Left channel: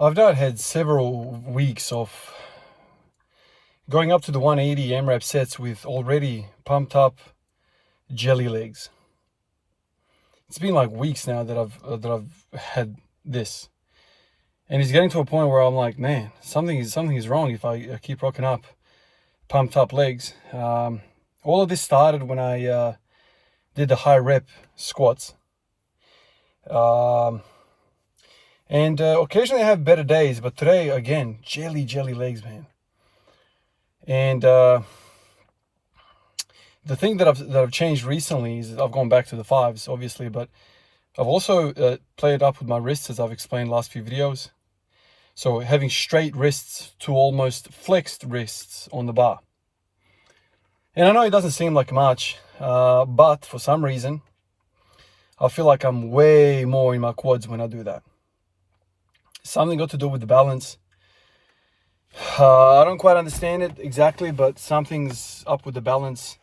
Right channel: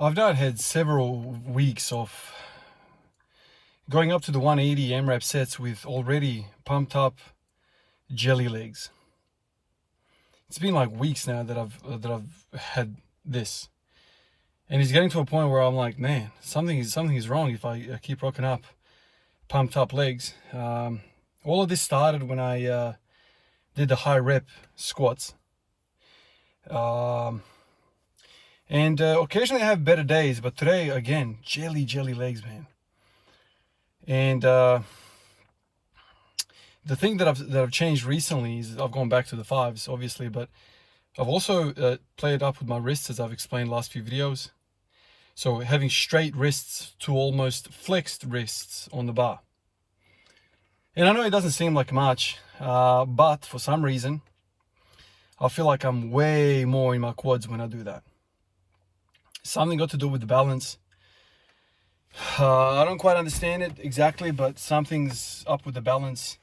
I've now had several weeks of going up to the 180 AMRAP sets with already pumped up jelly legs. It's been like weeks now that I've had this, and it's getting to a point where I'm like, man, something is wrong if I keep rocking up pumped up legs. All of this started when I did the high rep squats. And occasionally I have better days, but today again, jelly legs, man. And the thing that I've changed recently is I've gone back to the fives, obviously, but I've also played up with my wrists, as I've explained last few videos. So having straight wrists to almost flexed wrists on the bar. And I know it doesn't seem like much, but for some reason, I feel like I'm way more in my quads when I do that. Something got to do with the balance. I don't quite understand it exactly, but something's up with the balance.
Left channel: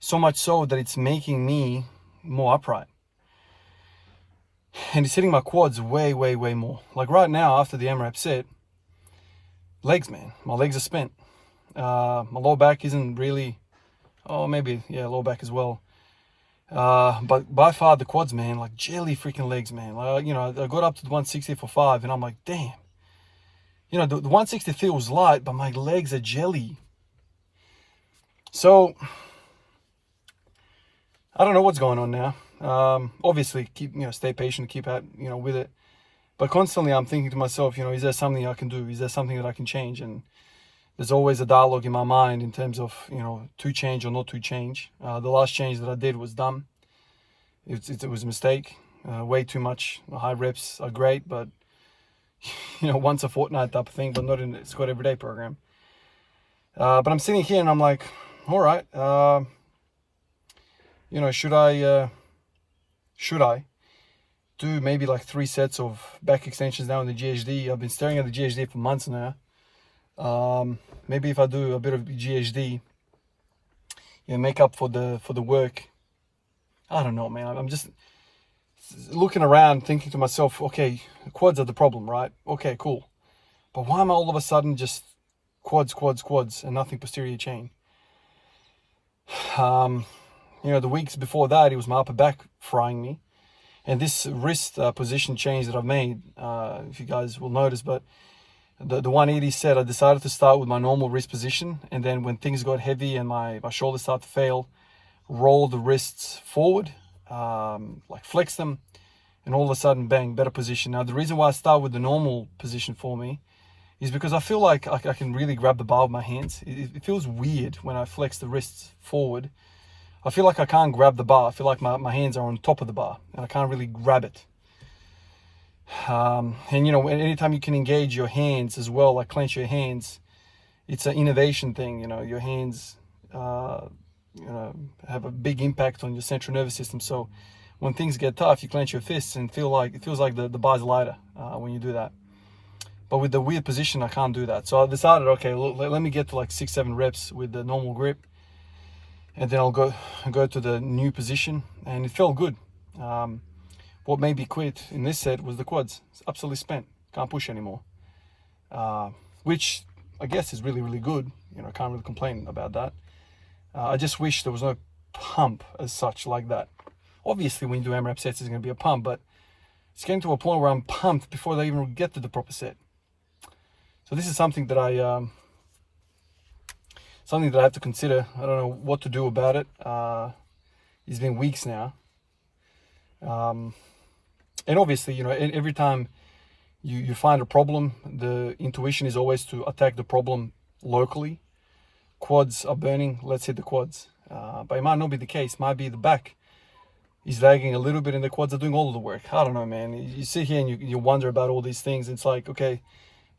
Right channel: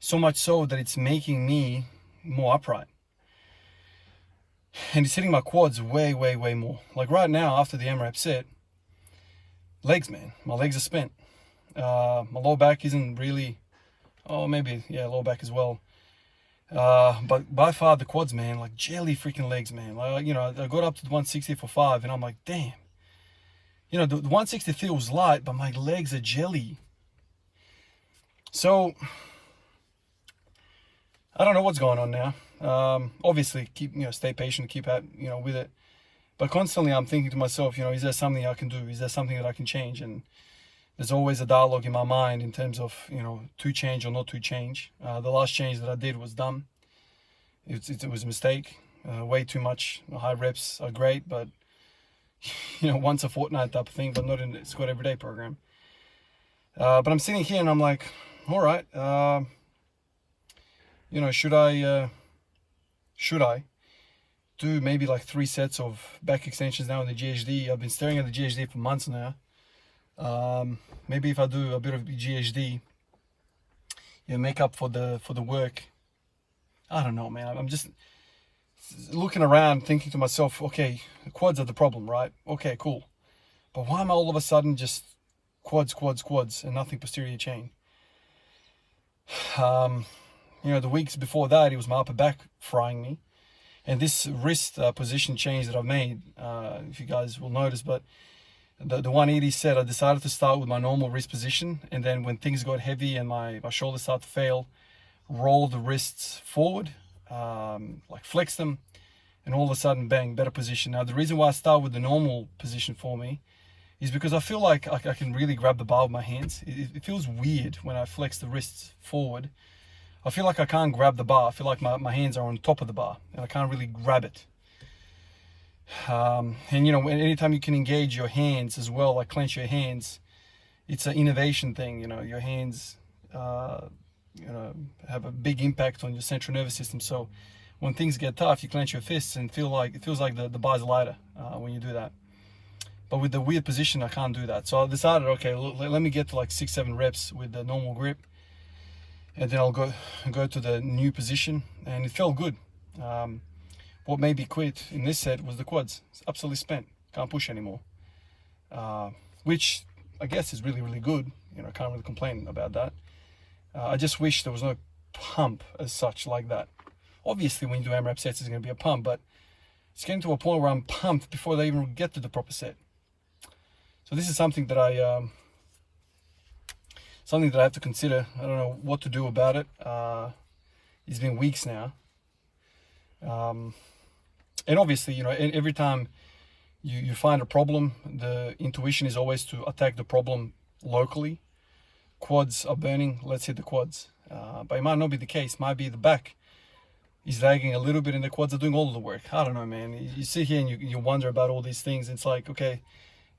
So much so that it's making me more upright. And it's hitting my quads way more. Like right now, after the AMRAP set, legs, man. My legs are spent. My lower back isn't really... Oh, maybe, yeah, lower back as well. But by far the quads, man, like jelly freaking legs, man. Like, I got up to the 160 for 5, and I'm like, damn. The 160 feels light, but my legs are jelly. So, I don't know what's going on now. Obviously, stay patient, keep at, with it. But constantly I'm thinking to myself, is there something I can do? Is there something that I can change? And there's always a dialogue in my mind in terms of, to change or not to change. The last change that I did was dumb. It was a mistake. Way too much. High reps are great, but, once a fortnight type of thing, but not in a squat everyday program. But I'm sitting here and I'm like, all right, should I do maybe like 3 sets of back extensions now in the GHD? I've been staring at the GHD for months now. Maybe if I do a bit of GHD, make up for the work. I don't know, man. I'm just looking around thinking to myself, okay, quads are the problem, right? Okay, cool. But why am I all of a sudden just quads and nothing posterior chain? The weeks before that, it was my upper back frying me. And this wrist position change that I've made, if you guys will notice, but the 180 set, I decided to start with my normal wrist position. And then when things got heavy and my shoulders started to fail, roll the wrists forward, like flex them, and all of a sudden, bang, better position. Now, the reason why I start with the normal position for me is because I feel like I can really grab the bar with my hands. It feels weird when I flex the wrists forward. I feel like I can't grab the bar. I feel like my hands are on top of the bar and I can't really grab it. And anytime you can engage your hands as well, like clench your hands, it's an innovation thing. Your hands, have a big impact on your central nervous system. So when things get tough, you clench your fists and it feels like the bar's lighter when you do that. But with the weird position, I can't do that. So I decided, okay, let me get to like 6-7 reps with the normal grip. And then I'll go to the new position, and it felt good. What made me quit in this set was the quads. It's absolutely spent. Can't push anymore. Which I guess is really good. Can't really complain about that. I just wish there was no pump as such like that. Obviously, when you do AMRAP sets, there's going to be a pump, but it's getting to a point where I'm pumped before they even get to the proper set. So this is something that I have to consider. I don't know what to do about it. It's been weeks now. And obviously, every time you find a problem, the intuition is always to attack the problem locally. Quads are burning, let's hit the quads. But it might not be the case. Might be the back is lagging a little bit and the quads are doing all of the work. I don't know, man. You sit here and you wonder about all these things. It's like, okay,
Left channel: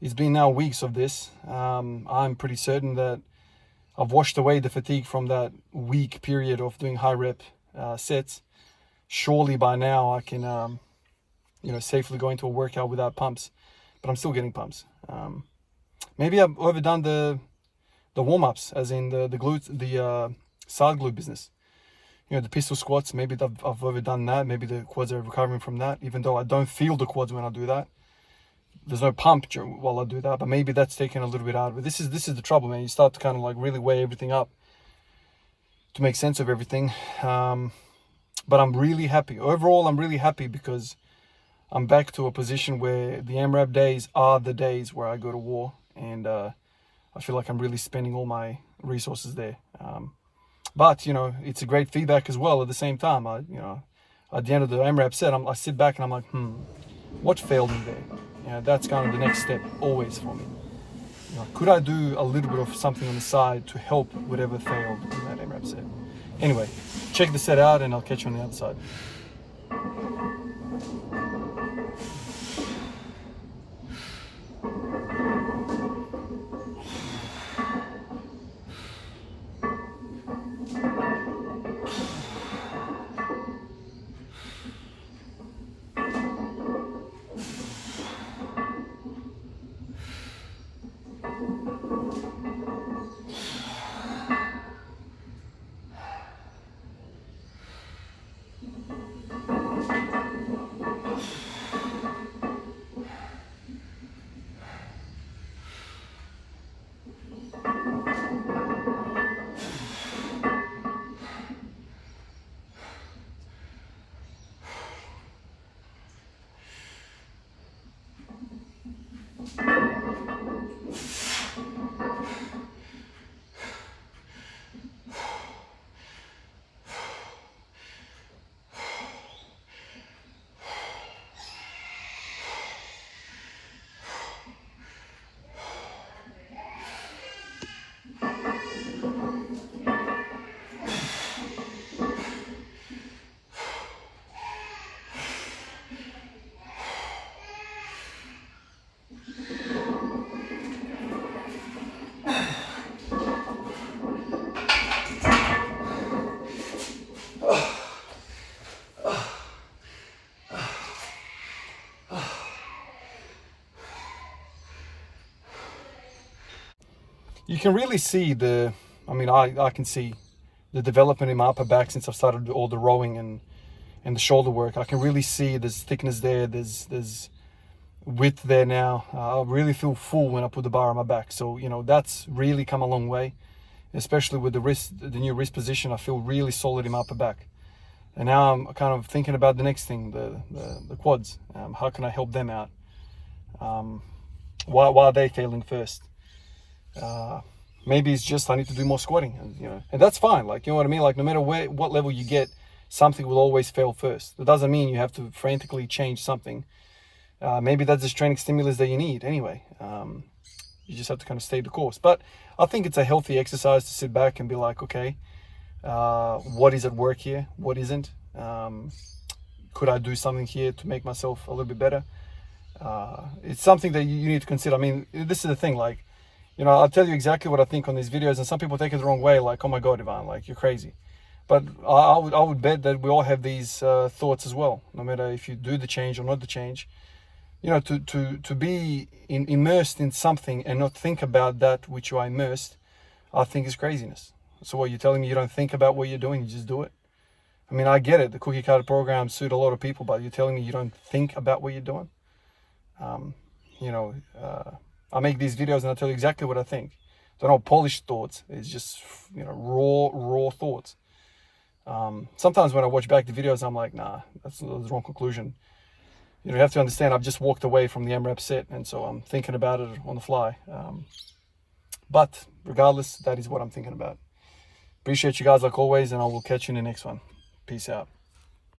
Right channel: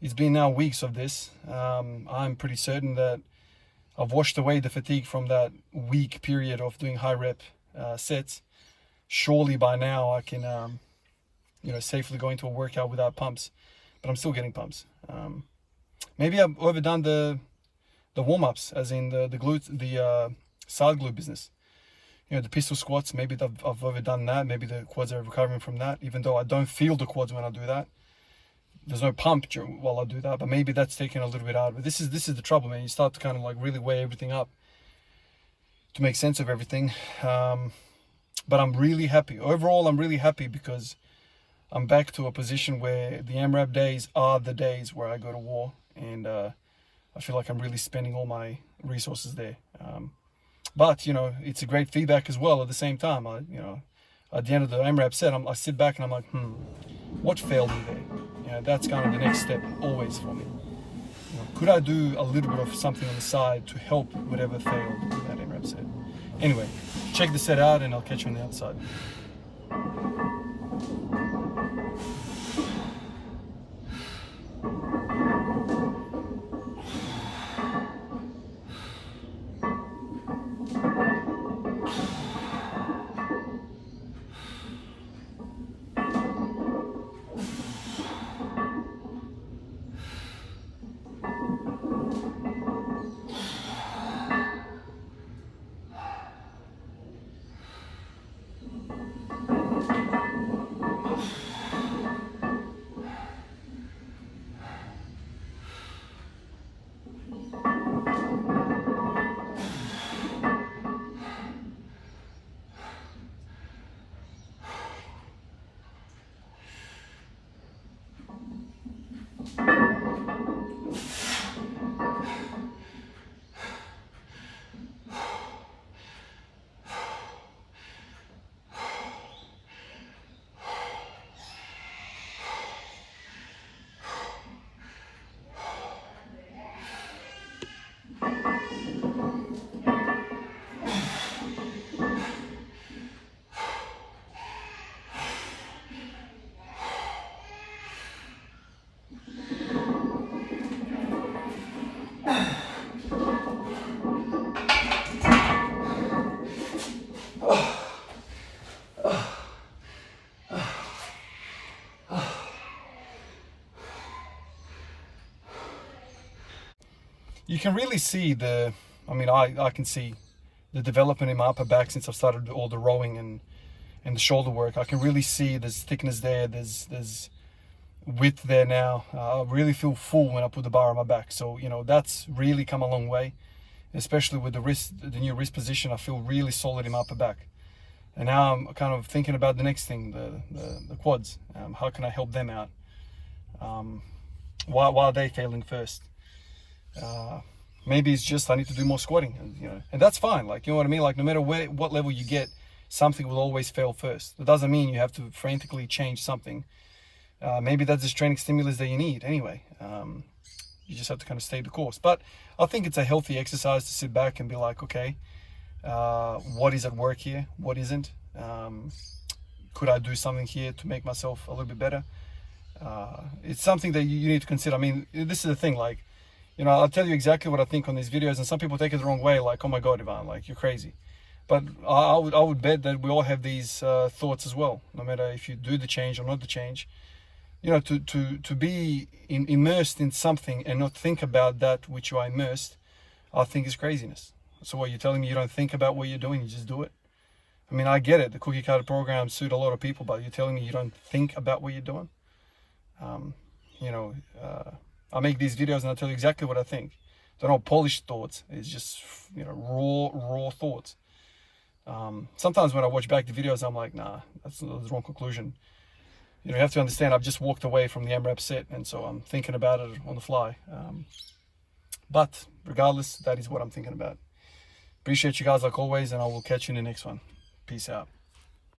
it's been now weeks of this. I'm pretty certain that I've washed away the fatigue from that week period of doing high rep sets. Surely by now I can, safely go into a workout without pumps, but I'm still getting pumps. Maybe I've overdone the warm-ups, as in the glutes, the side glute business. The pistol squats, maybe I've overdone that. Maybe the quads are recovering from that, even though I don't feel the quads when I do that. there's no pump while I do that, but maybe that's taking a little bit out of it. This is the trouble, man. You start to kind of like really weigh everything up to make sense of everything. But I'm really happy. Overall, I'm really happy because I'm back to a position where the AMRAP days are the days where I go to war, and I feel like I'm really spending all my resources there. But, you know, it's a great feedback as well at the same time. You know, at the end of the AMRAP set, I sit back and I'm like, what failed me there? You know, that's kind of the next step always for me. You know, could I do a little bit of something on the side to help whatever failed in that AMRAP set? Anyway, check the set out and I'll catch you on the other side. You can really see I can see the development in my upper back since I've started all the rowing and the shoulder work. I can really see there's thickness there, there's width there now. I really feel full when I put the bar on my back. So, you know, that's really come a long way, especially with the new wrist position. I feel really solid in my upper back. And now I'm kind of thinking about the next thing, the quads. How can I help them out? Why are they failing first? Maybe it's just I need to do more squatting, you know, and that's fine. Like, you know what I mean? Like, no matter what level you get, something will always fail first. That doesn't mean you have to frantically change something. Maybe that's just training stimulus that you need anyway. You just have to kind of stay the course. But I think it's a healthy exercise to sit back and be like, okay, what is at work here? What isn't? Could I do something here to make myself a little bit better? It's something that you need to consider. I mean, this is the thing, like, you know, I'll tell you exactly what I think on these videos, and some people take it the wrong way, like, oh my God, Ivan, like, you're crazy. But I would bet that we all have these thoughts as well, no matter if you do the change or not the change. You know, to be immersed in something and not think about that which you are immersed, I think is craziness. So what, you're telling me you don't think about what you're doing, you just do it? I mean, I get it, the cookie cutter programs suit a lot of people, but you're telling me you don't think about what you're doing? You know, I make these videos and I tell you exactly what I think. They're not polished thoughts. It's just, you know, raw thoughts. Sometimes when I watch back the videos, I'm like, nah, that's the wrong conclusion. You know, you have to understand, I've just walked away from the AMRAP set, and so I'm thinking about it on the fly. But regardless, that is what I'm thinking about. Appreciate you guys like always, and I will catch you in the next one. Peace out.